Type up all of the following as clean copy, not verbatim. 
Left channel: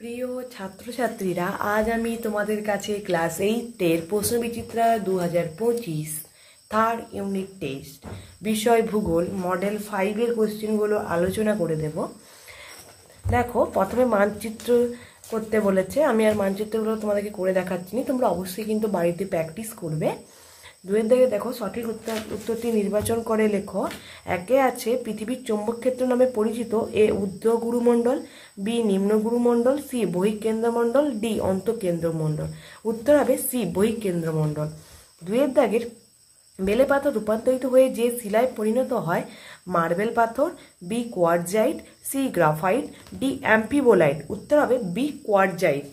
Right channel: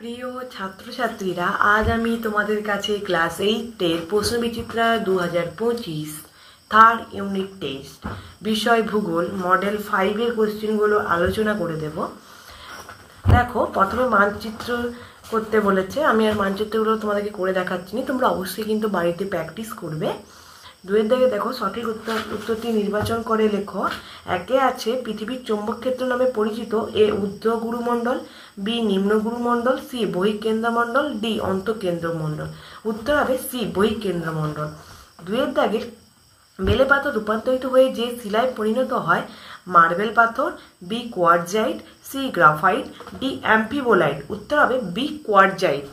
প্রিয় ছাত্রছাত্রীরা, আজ আমি তোমাদের কাছে ক্লাস 8-এর প্রশ্নবিচিত্রা 2025 থার্ড ইউনিট টেস্ট বিষয় ভূগোল মডেল 5-এর কোশ্চেনগুলো আলোচনা করে দেব। দেখো, প্রথমে মানচিত্র করতে বলেছে। আমি আর মানচিত্রগুলো তোমাদেরকে করে দেখাচ্ছি না, তোমরা অবশ্যই কিন্তু বাড়িতে প্র্যাকটিস করবে। দুয়ের দিকে দেখো, সঠিক উত্তরটি নির্বাচন করে লেখো। একে আছে পৃথিবীর চৌম্বক ক্ষেত্র নামে পরিচিত এ ঊর্ধ্ব গুরুমণ্ডল, বি নিম্ন গুরুমণ্ডল, সি বহিঃকেন্দ্রমণ্ডল, ডি অন্তঃকেন্দ্রমণ্ডল। উত্তর হবে সি বহিঃকেন্দ্রমণ্ডল। দুয়ের দাগের বেলে পাথর রূপান্তরিত হয়ে যে শিলায় পরিণত হয় মার্বেল পাথর, B quartzite, C graphite, D amphibolite. উত্তর হবে বি কোয়ার্টজাইট।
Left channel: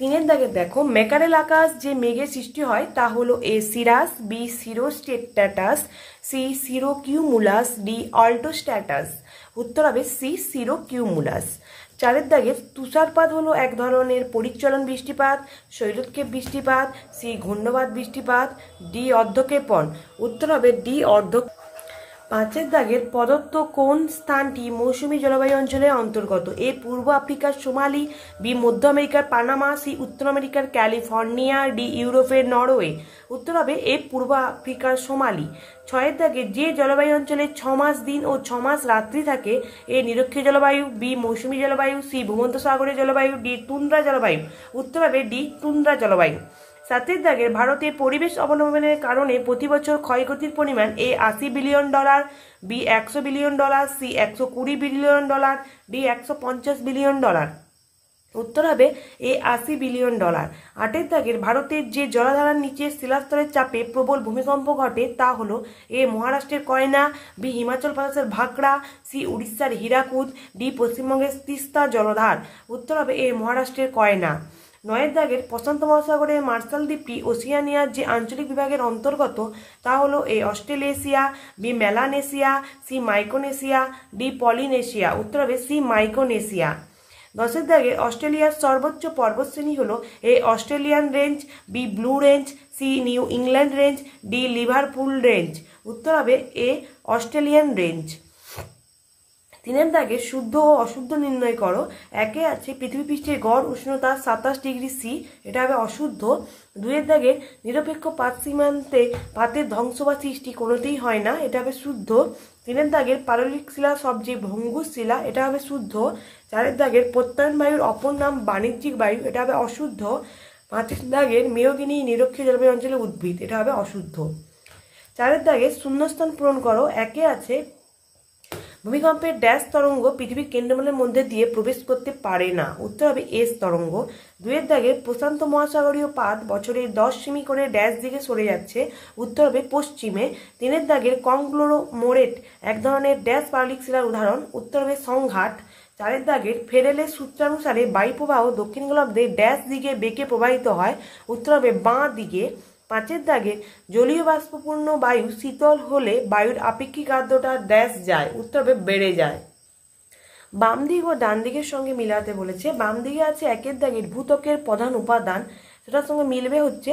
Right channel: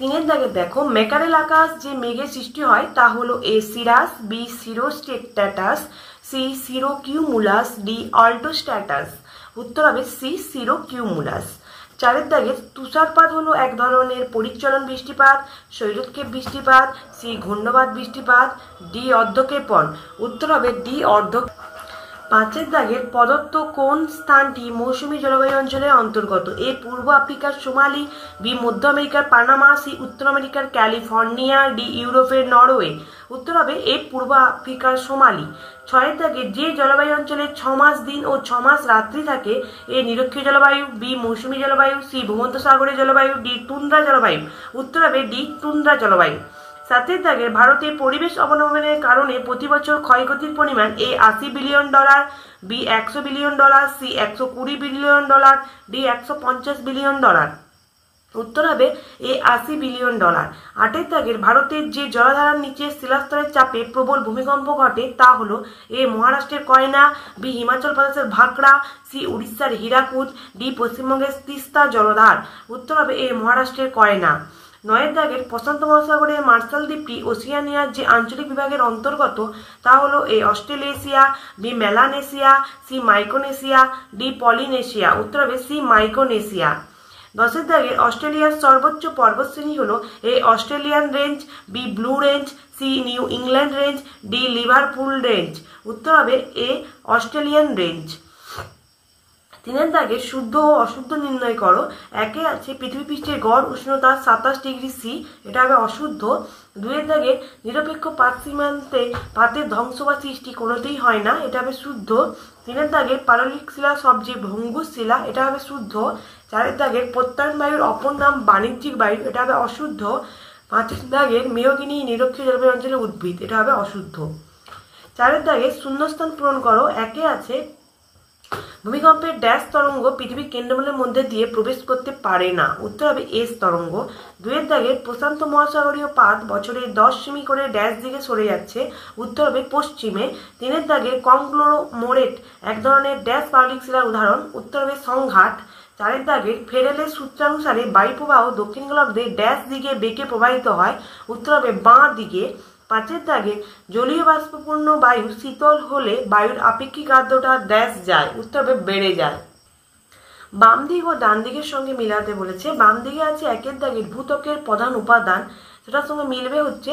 তিনের দাগে দেখো, ম্যাকারেল আকাশ যে মেঘের সৃষ্টি হয় তা হলো এ সিরাস, বি সিরোস্টেটাস, সি সিরোকিউমুলাস, ডি অল্টোস্ট্যাটাস। উত্তর হবে সি সিরোকিউমুলাস। চারের দাগে তুষারপাত হলো এক ধরনের পরিচলন বৃষ্টিপাত, শৈলক্ষেপ বৃষ্টিপাত, সি ঘূর্ণবাদ বৃষ্টিপাত, ডি অর্ধক্ষেপণ। উত্তর হবে ডি অর্ধ। পাঁচের দাগের প্রদত্ত কোন স্থানটি মৌসুমী জলবায়ু অঞ্চলের অন্তর্গত? এ পূর্ব আফ্রিকার সোমালি, বি মধ্য আমেরিকার পানামা, সি উত্তর আমেরিকার ক্যালিফোর্নিয়া, ডি ইউরোপের নরওয়ে। উত্তর হবে এ পূর্ব আফ্রিকার সোমালি। ছয়ের দাগে যে জলবায়ু অঞ্চলে 6 মাস দিন ও 6 মাস রাত্রি থাকে এ নিরক্ষীয় জলবায়ু, বি মৌসুমী জলবায়ু, সি ভূমধ্যসাগরীয় জলবায়ু, ডি টুন্দ্রা জলবায়ু। উত্তর হবে ডি টুন্দ্রা জলবায়ু। সাতের দাগের ভারতের পরিবেশ অবনমনের কারণে প্রতি বছর ক্ষয়ক্ষতির পরিমাণ A $80 billion, B $100 billion, C $120 billion, D $150 billion. উত্তর হবে এ $80 বিলিয়ন। আটের দাগের ভারতের যে জলাধারার নিচে শিলাস্তরের চাপে প্রবল ভূমিকম্প ঘটে তা হলো এ মহারাষ্ট্রের কয়না, বি হিমাচল প্রদেশের ভাকড়া, সি উড়িষ্যার হীরাকুদ, ডি পশ্চিমবঙ্গের তিস্তা জলধার। উত্তর হবে এ মহারাষ্ট্রের কয়না। নয়ের দাগের প্রশান্ত মহাসাগরের মার্শাল দ্বীপটি ওশিয়ানিয়ার যে আঞ্চলিক বিভাগের অন্তর্গত তা হলো A Australasia, B Melanesia, C Micronesia, D Polynesia. উত্তর হবে সি মাইক্রোনেশিয়া। দশের দাগের অস্ট্রেলিয়ার সর্বোচ্চ পর্বতশ্রেণী হলো A Australian range, B blue range, C New England range, D Liverpool range. উত্তর হবে এ অস্ট্রেলিয়ান রেঞ্জ। তিনের দাগে শুদ্ধ ও অশুদ্ধ নির্ণয় করো। একে আছে পৃথিবী পৃষ্ঠের গড় উষ্ণতা 27 ডিগ্রি সি, এটা হবে অশুদ্ধ। দুয়ের দাগে নিরপেক্ষ পাত সীমান্তে পাতের ধ্বংস বা সৃষ্টি কোনোতেই হয় না, এটা হবে শুদ্ধ। তিনের দাগের পাললিক শিলা সবচেয়ে ভঙ্গুর শিলা, এটা হবে শুদ্ধ। চারের দাগের প্রত্যয়ন বায়ুর অপর নাম বাণিজ্যিক বায়ু, এটা হবে অশুদ্ধ। পাঁচের দাগের মেয়গিনি নিরক্ষীয় জলবায়ু অঞ্চলের উদ্ভিদ, এটা হবে অশুদ্ধ। চারের দাগের শূন্যস্থান পূরণ করো। একে আছে ভূমিকম্পের ড্যাশ তরঙ্গ পৃথিবীর কেন্দ্রমণ্ডলের মধ্যে দিয়ে প্রবেশ করতে পারে না। উত্তর হবে এস তরঙ্গ। দুয়ের দাগের প্রশান্ত মহাসাগরীয় পাত বছরে 10 সেমি করে ড্যাশ দিকে সরে যাচ্ছে। উত্তর হবে পশ্চিমে। তিনের দাগের কংগ্লোমেরেট এক ধরনের ড্যাশ পাললিক শিলার উদাহরণ। উত্তর হবে সংঘাত। চারের দাগের ফেরেলের সূত্রানুসারে বায়ুপ্রবাহ দক্ষিণ গোলার্ধে ড্যাশ দিকে বেঁকে প্রবাহিত হয়। উত্তর হবে বাঁ দিকে। পাঁচের দাগে জলীয় বাষ্পপূর্ণ বায়ু শীতল হলে বায়ুর আপেক্ষিক আর্দ্রতা ড্যাশ যায়। উত্তর হবে বেড়ে যায়। বাম দিক ও ডান দিকের সঙ্গে মিলাতে বলেছে। বাম দিকে আছে একের দাগের ভূত্বকের প্রধান উপাদান, সেটার সঙ্গে মিলবে হচ্ছে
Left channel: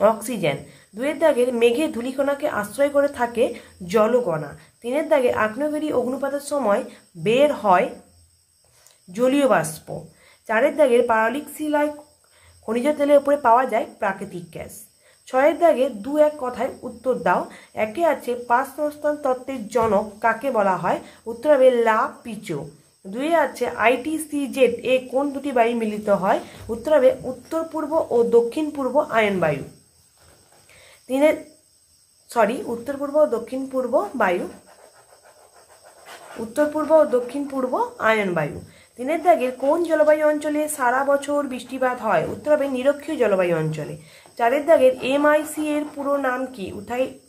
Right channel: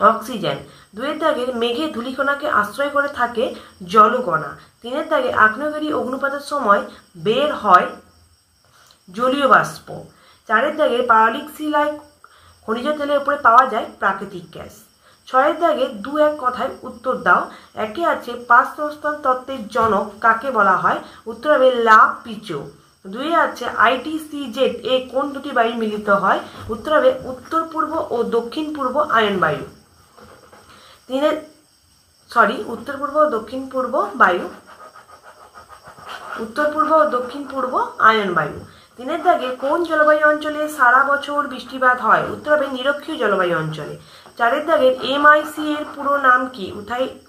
অক্সিজেন। দুয়ের দাগের মেঘে ধূলিকণাকে আশ্রয় করে থাকে জলকণা। তিনের দাগে আগ্নেয়গিরি অগ্নুপাতের সময় বের হয় জলীয় বাষ্প। চারের দাগের পাললিক শিলায় খনিজ তেলের উপরে পাওয়া যায় প্রাকৃতিক গ্যাস। ছয়ের দাগে দু এক কথায় উত্তর দাও। একে আছে পাঁচ সংস্থান তত্ত্বের জনক কাকে বলা হয়? উত্তর হবে লা পিচো। দুয়ে আছে ITCZ এ কোন দুটি বায়ু মিলিত হয়? উত্তর হবে উত্তর পূর্ব ও দক্ষিণ পূর্ব আয়ন বায়ু। উত্তর পূর্ব ও দক্ষিণ পূর্ব বায়ু, উত্তর পূর্ব ও দক্ষিণ পূর্ব আয়ন বায়ু। তিনের দাগের কোন জলবায়ু অঞ্চলে সারা বছর বৃষ্টিপাত হয়? উত্তর হবে নিরক্ষীয় জলবায়ু অঞ্চলে। চারের দাগের MIC এর পুরো নাম কি?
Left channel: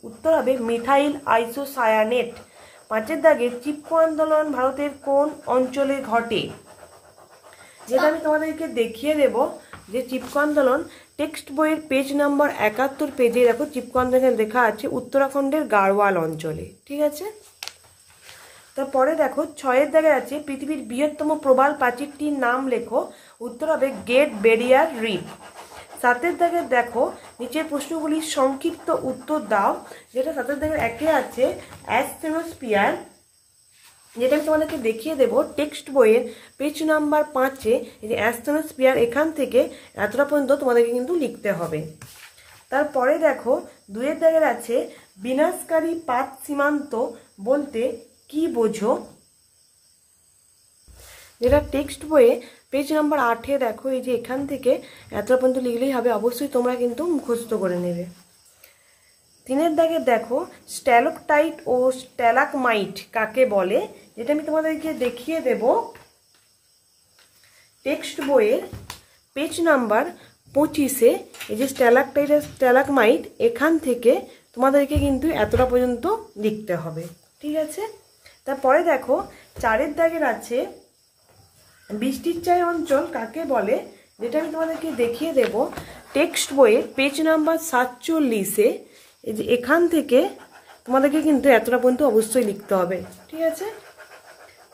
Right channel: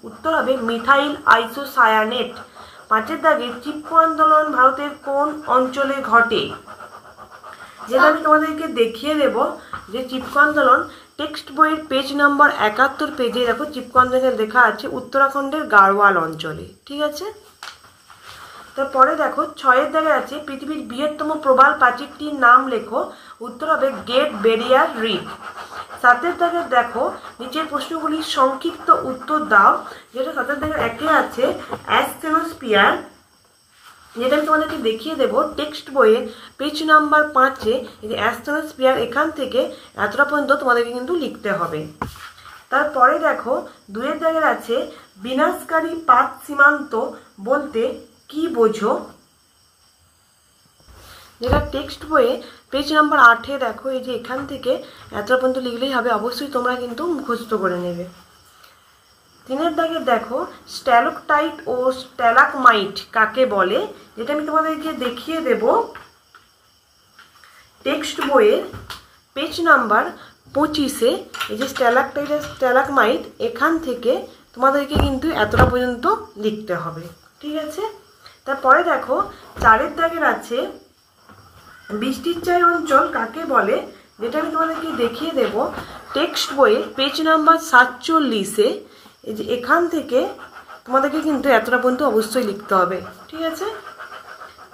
উত্তর হবে মিথাইল আইসোসায়ানেট। পাঁচের দাগের চিপকো আন্দোলন ভারতের কোন অঞ্চলে ঘটে? যেটা আমি তোমাদেরকে দেখিয়ে দেব যে চিপকো আন্দোলন টেক্সট বইয়ের পেজ নাম্বার 71 পেজে দেখো চিপকো আন্দোলন লেখা আছে উত্তরাখণ্ডের গাড়োয়াল অঞ্চলে। ঠিক আছে, তারপরে দেখো ছয়ের দাগে আছে পৃথিবীর বৃহত্তম প্রবাল প্রাচীরটির নাম লেখো। উত্তর হবে গ্রেট ব্যারিয়ার রিফ। সাতের দাগে দেখো নিচের প্রশ্নগুলির সংক্ষিপ্ত উত্তর দাও। যেটা সাতের দাগে একে আছে অ্যাস্টেনোস্ফিয়ার যেটা আমি তোমাদেরকে দেখিয়ে দেবো টেক্সট বইয়ের পেজ নাম্বার 5-এ এই যে অ্যাস্ট্রোস্ফিয়ার এখান থেকে এতটা পর্যন্ত তোমাদেরকে কিন্তু লিখতে হবে। তারপরে দেখো 2-এর দাগের আছে বিনাশকারী পাত সীমান্ত বলতে কি বোঝো, যেটা টেক্সট বইয়ে পেজ নাম্বার 8-এ দেখো এই যে এখান থেকে এতটা পর্যন্ত লিখলেই হবে, অবশ্যই তোমরা কিন্তু মুখস্থ করে নেবে। 3-এর দাগে দেখো স্ট্যালাকটাইট ও স্ট্যালাকমাইট কাকে বলে, যেটা আমি তোমাদেরকে দেখিয়ে দেব টেক্সট বইয়ের পেজ নাম্বার 25-এ এই যে স্ট্যালাকটাইট আর স্ট্যালাকমাইট এখান থেকে তোমাদেরকে কিন্তু এতটা পর্যন্ত লিখতে হবে, ঠিক আছে। তারপরে দেখো 4-এর দাগের আছে বৃষ্টির চাই অঞ্চল কাকে বলে, যেটা আমি তোমাদেরকে দেখিয়ে দেব টেক্সট বইয়ের পেজ নাম্বার 47-এ এই যে এখান থেকে তোমাদেরকে কিন্তু এতটা পর্যন্ত অবশ্যই লিখতে হবে, ঠিক আছে।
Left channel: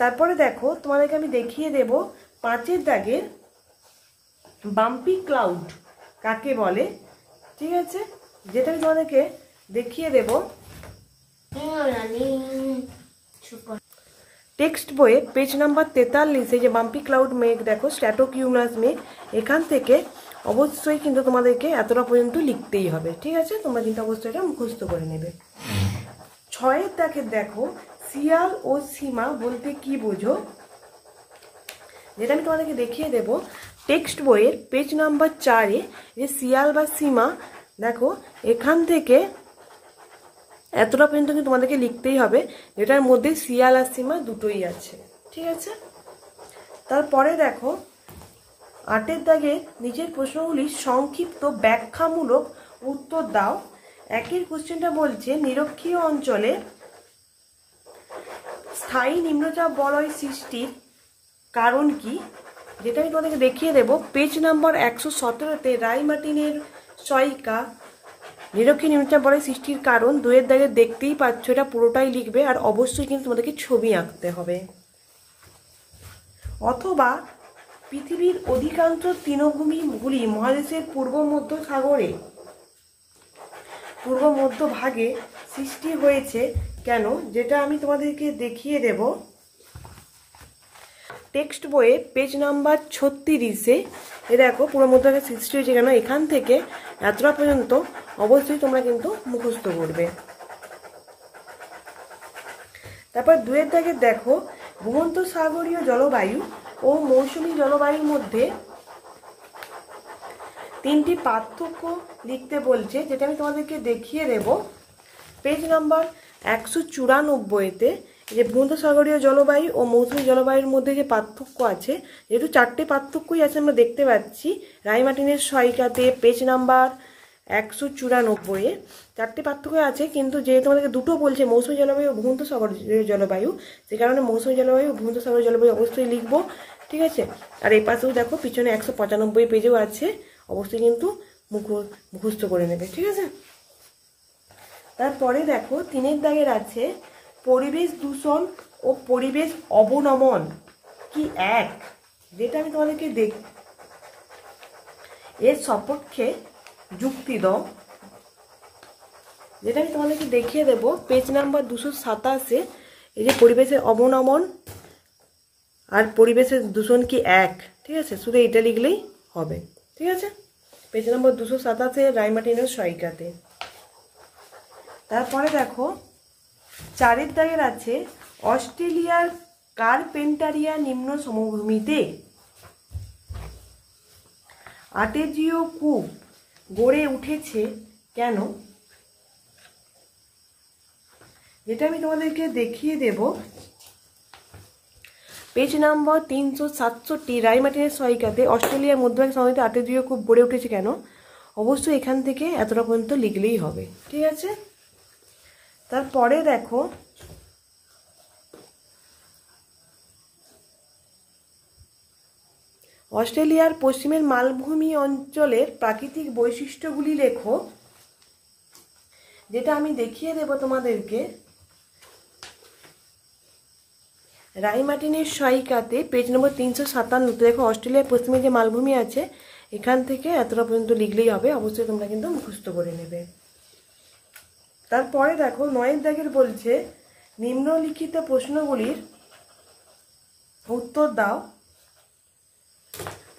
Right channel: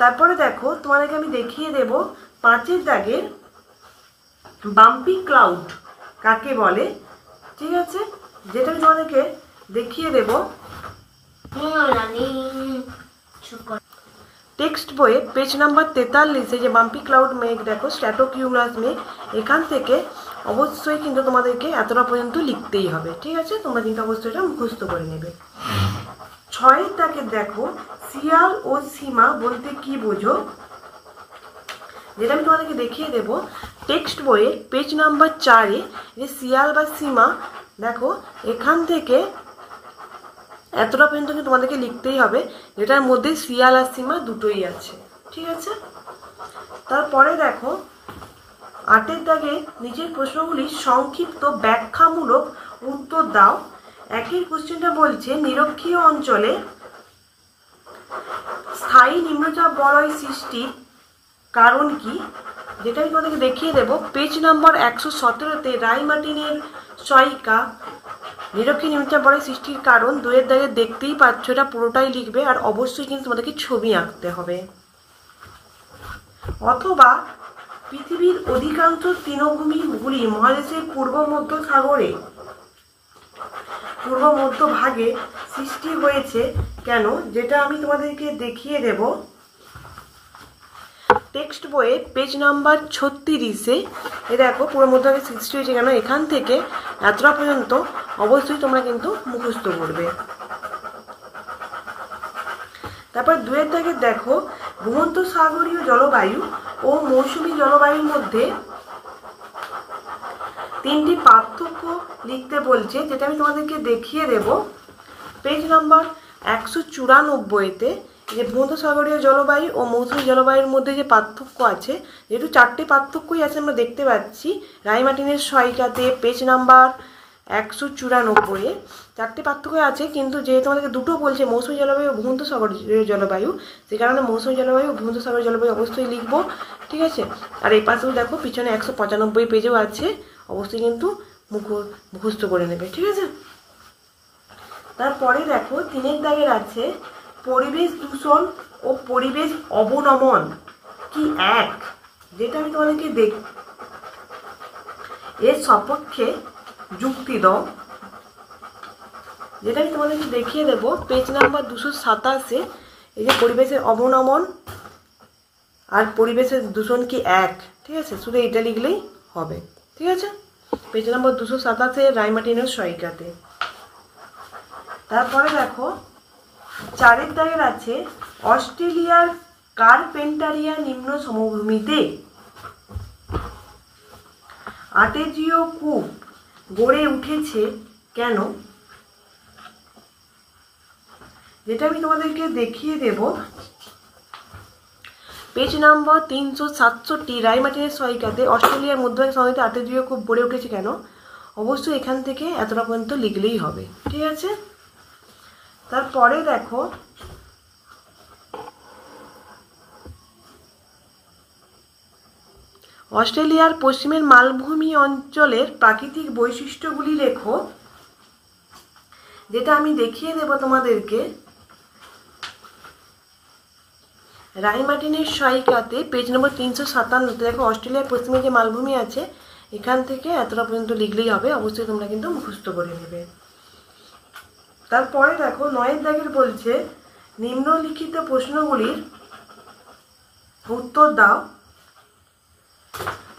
তারপরে দেখো তোমাদেরকে আমি দেখিয়ে দেব 5-এর দাগের বাম্পি ক্লাউড কাকে বলে, ঠিক আছে, যেটা আমি তোমাদেরকে দেখিয়ে দেব টেক্সট বইয়ে পেজ নাম্বার 43-এ যে বাম্পি ক্লাউড মেঘ দেখো স্ট্র্যাটোকিউমাস মেঘ এখান থেকে অবশ্যই কিন্তু তোমাদেরকে এতটা পর্যন্ত লিখতেই হবে, ঠিক আছে। তোমরা কিন্তু অবশ্যই এটা মুখস্থ করে নেবে। 6-এর দাগে দেখো শিয়াল ও সীমা বলতে কি বোঝো, যেটা আমি তোমাদেরকে দেখিয়ে দেব টেক্সট বইয়ের পেজ নাম্বার 4-এ যে শিয়াল বা সীমা দেখো এখান থেকে এতটা পর্যন্ত কিন্তু তোমাদেরকে লিখতেই হবে, যেটার মধ্যে শিয়াল আর সীমা দুটোই আছে, ঠিক আছে। তারপরে দেখো 8-এর দাগে নিজের প্রশ্নগুলির সংক্ষিপ্ত ব্যাখ্যামূলক উত্তর দাও। একই কোশ্চেনটা বলছে নিরক্ষীয় অঞ্চলে স্থায়ী নিম্নচাপ বলয় সৃষ্টির কারণ কি, যেটা আমি তোমাদেরকে দেখিয়ে দেব পেজ নাম্বার 117-তে রাই মার্টিনের সহায়িকা নিরক্ষীয় নিম্নচাপ বলয় সৃষ্টির কারণ 2-এর দাগে দেখতেই পাচ্ছ, এটা পুরোটাই লিখবে আর অবশ্যই কিন্তু তোমাদেরকে ছবি আঁকতে হবে। অথবা পৃথিবীর অধিকাংশ তৃণভূমিগুলি মহাদেশের পূর্ব মধ্য ভাগে সৃষ্টি হয়েছে কেন, যেটা আমি তোমাদেরকে দেখিয়ে দেব টেক্সট বইয়ে পেজ নাম্বার 36-এ এ দেখো পূর্ব মধ্য ভাগে সৃষ্টি হয়েছে কেন, এখান থেকে এতটা পর্যন্ত অবশ্যই তোমরা কিন্তু মুখস্থ করবে। তারপর 2-এর দাগে দেখো ভূমধ্যসাগরীয় জলবায়ু ও মৌসুমী জলবায়ুর মধ্যে 3টি পার্থক্য লিখতে বলছে, যেটা আমি তোমাদেরকে দেখিয়ে দেব পেজ নাম্বার 194-তে যে ভূমধ্যসাগরীয় জলবায়ু ও মৌসুমী জলবায়ুর মধ্যে যে পার্থক্য আছে, যেহেতু 4টে পার্থক্যই আছে আমরা দেখতে পাচ্ছি রাই মার্টিনের সহায়িকাতে পেজ নাম্বার 194-এ 4টে পার্থক্য আছে, কিন্তু যেহেতু আমাদেরকে দুটো বলছে মৌসুমী জলবায়ু ও ভূমধ্যসাগরীয় জলবায়ু, সে কারণে মৌসুমী জলবায়ু ও ভূমধ্যসাগরীয় জলবায়ু অবশ্যই লিখবো, ঠিক আছে। আর এই পাশেও দেখো পিছনে 195 পেজেও আছে, অবশ্যই কিন্তু মুখস্থ করে নেবে, ঠিক আছে। তারপরে দেখো 3-এর দাগের আছে পরিবেশ দূষণ ও পরিবেশ অবনমন কি এক, যেটা আমি তোমাদেরকে এর সপক্ষে যুক্তি দাও, যেটা আমি তোমাদেরকে দেখিয়ে দেব পেজ নাম্বার 227-এ এই যে পরিবেশের অবনমন আর পরিবেশের দূষণ কি এক, ঠিক আছে, শুধু এটা লিখলেই হবে, ঠিক আছে, পেজ নাম্বার 227-এ রাই মার্টিনের সহায়িকাতে। তারপরে দেখো 4-এর দাগের আছে অস্ট্রেলিয়ার কারপেন্টারিয়া নিম্ন সমভূমিতে আর্টেজিও কূপ গড়ে উঠেছে কেন, যেটা আমি তোমাদেরকে দেখিয়ে দেব পেজ নাম্বার 367 রাই মার্টিনের সহায়িকাতে অস্ট্রেলিয়ার মধ্যভাগ সমিতি আর্টেজিও কূপ গড়ে উঠেছে কেন, অবশ্যই এখান থেকে এতটা পর্যন্ত লিখলেই হবে, ঠিক আছে। তারপরে দেখো অস্ট্রেলিয়ার পশ্চিমের মালভূমি অঞ্চলের প্রাকৃতিক বৈশিষ্ট্যগুলি লেখো, যেটা আমি দেখিয়ে দেব তোমাদেরকে রাই মার্টিনের সহায়িকাতে পেজ নম্বর 357-তে দেখো অস্ট্রেলিয়ার পশ্চিমে যে মালভূমি আছে এখান থেকে এতটা পর্যন্ত লিখলেই হবে, অবশ্যই তোমরা কিন্তু মুখস্থ করে নেবে। তারপরে দেখো 9-এর দাগের বলছে নিম্নলিখিত প্রশ্নগুলির উত্তর দাও।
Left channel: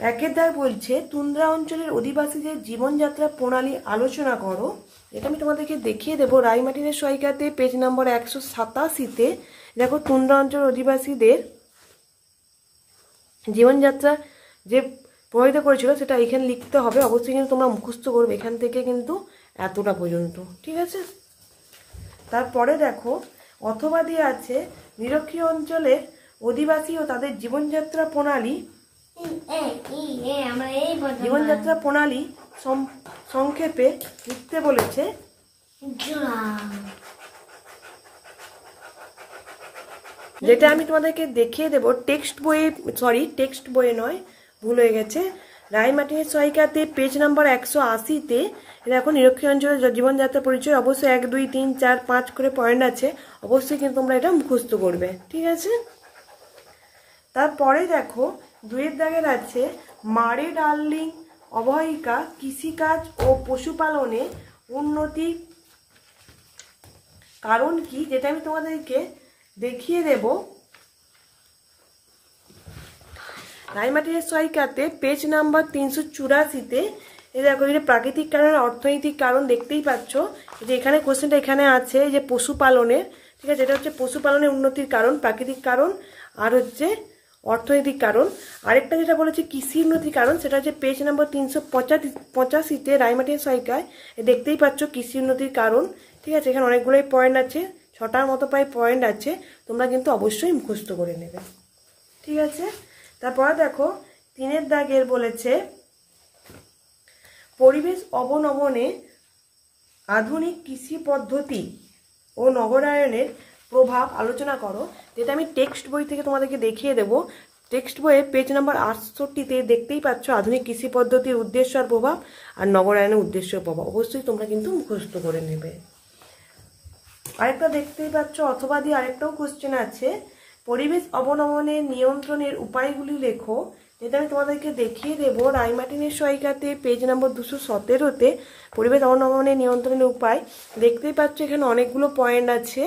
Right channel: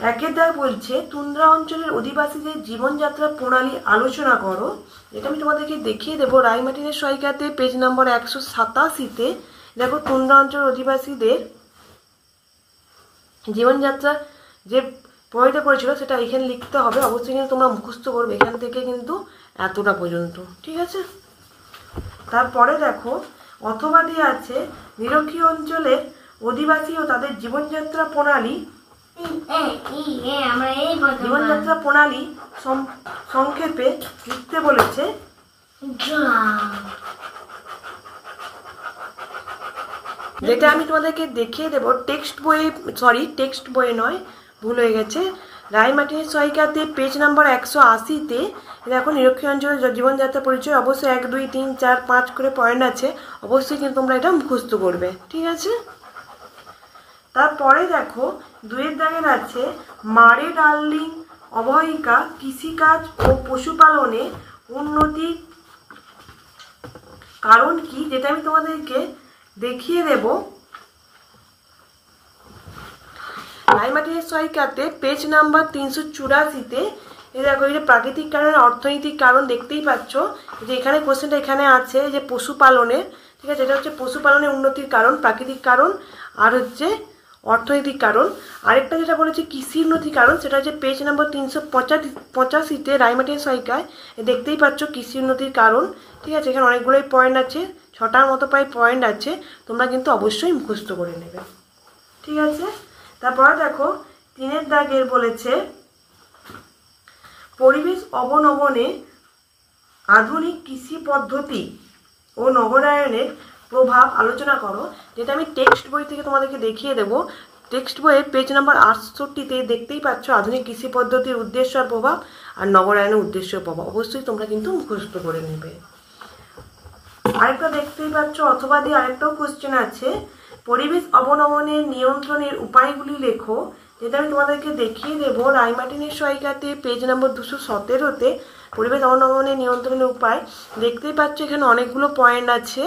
একের দাগ বলছে তুন্দ্রা অঞ্চলের অধিবাসীদের জীবনযাত্রা প্রণালী আলোচনা করো। এটা আমি তোমাদেরকে দেখিয়ে দেবো রায়মার্টিনের সহায়িকাতে পেজ নম্বর 187-তে। দেখো তুন্দ্রা অঞ্চলের অধিবাসীদের জীবনযাত্রা যে প্রভাবিত করেছিল সেটা এখানে লিখতে হবে। অবশ্যই কিন্তু তোমরা মুখস্থ করবে এখান থেকে কিন্তু এতটা পর্যন্ত, ঠিক আছে। তারপরে দেখো অথবা দিয়ে আছে নিরক্ষীয় অঞ্চলের অধিবাসী ও তাদের জীবনযাত্রা প্রণালী সংক্ষেপে লিখতে বলেছে। যেটা আমি তোমাদেরকে দেখিয়ে দেবো টেক্সট বইয়ে নয়, ভুল হয়ে গেছে। রায়মার্টিনের সহায়িকাতে পেজ নাম্বার 180-তে দেখো নিরক্ষীয় অঞ্চলের জীবনযাত্রা পরিচয়। অবশ্যই 1, 2, 3, 4, 5 করে পয়েন্ট আছে, অবশ্যই কিন্তু তোমরা এটা মুখস্থ করবে, ঠিক আছে। তারপরে দেখো 2-এর দাগের আছে মারে ডার্লিং অববাহিকা কৃষিকাজ ও পশুপালনে উন্নতির কারণ কি, যেটা আমি তোমাদেরকে দেখিয়ে দেব রায়মার্টিনের সহায়িকাতে পেজ নাম্বার 384-তে। এই দেখো এটা প্রাকৃতিক কারণ অর্থনৈতিক কারণ দেখতেই পাচ্ছ যে এখানে কোশ্চেনটা এখানে আছে যে পশুপালনের, ঠিক আছে। এটা হচ্ছে পশুপালনের উন্নতির কারণ, প্রাকৃতিক কারণ আর হচ্ছে অর্থনৈতিক কারণ। আরেকটা যেটা বলেছে কৃষি উন্নতির কারণ, সেটা হচ্ছে পেজ নাম্বার 385-তে রায়মার্টিনের সহায়িকায়। দেখতেই পাচ্ছ কৃষি উন্নতির কারণ, ঠিক আছে। এখানে অনেকগুলোই পয়েন্ট আছে, 6টার মতো প্রায় পয়েন্ট আছে, তোমরা কিন্তু অবশ্যই মুখস্থ করে নেবে, ঠিক আছে। তারপরে দেখো 3-এর দাগের বলেছে পরিবেশ অবনমনে আধুনিক কৃষি পদ্ধতি ও নগরায়নের প্রভাব আলোচনা করো। যেটা আমি টেক্সট বই থেকে তোমাদেরকে দেখিয়ে দেবো। টেক্সট বইয়ের পেজ নাম্বার 68-তে দেখতেই পাচ্ছ আধুনিক কৃষি পদ্ধতির উদ্দেশ্য আর প্রভাব আর নগরায়নের উদ্দেশ্য প্রভাব, অবশ্যই তোমরা কিন্তু মুখস্থ করে নেবে। আরেকটা দেখতেই পাচ্ছ অথবা দিয়ে আরেকটাও কোশ্চেন আছে পরিবেশ অবনমনের নিয়ন্ত্রণের উপায়গুলি লেখো। যেটা আমি তোমাদেরকে দেখিয়ে দেবো রায়মার্টিনের সহায়িকাতে পেজ নম্বর 217-তে পরিবেশ অবনমনের নিয়ন্ত্রণের উপায়। দেখতেই পাচ্ছ এখানে অনেকগুলো পয়েন্ট আছে,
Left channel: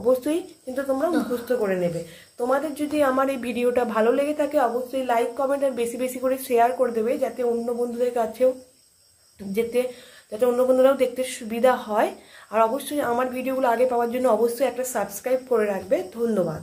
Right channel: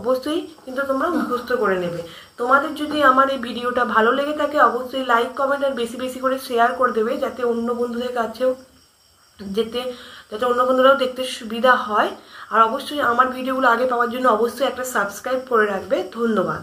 অবশ্যই কিন্তু তোমরা মুখস্থ করে নেবে। তোমাদের যদি আমার এই ভিডিওটা ভালো লেগে থাকে অবশ্যই লাইক কমেন্ট আর বেশি বেশি করে শেয়ার করে দেবে, যাতে অন্য বন্ধুদের কাছেও যাতে অন্য বন্ধুরাও দেখতে সুবিধা হয়। আর অবশ্যই আমার ভিডিওগুলো আগে পাওয়ার জন্য অবশ্যই একটা সাবস্ক্রাইব করে রাখবে। ধন্যবাদ।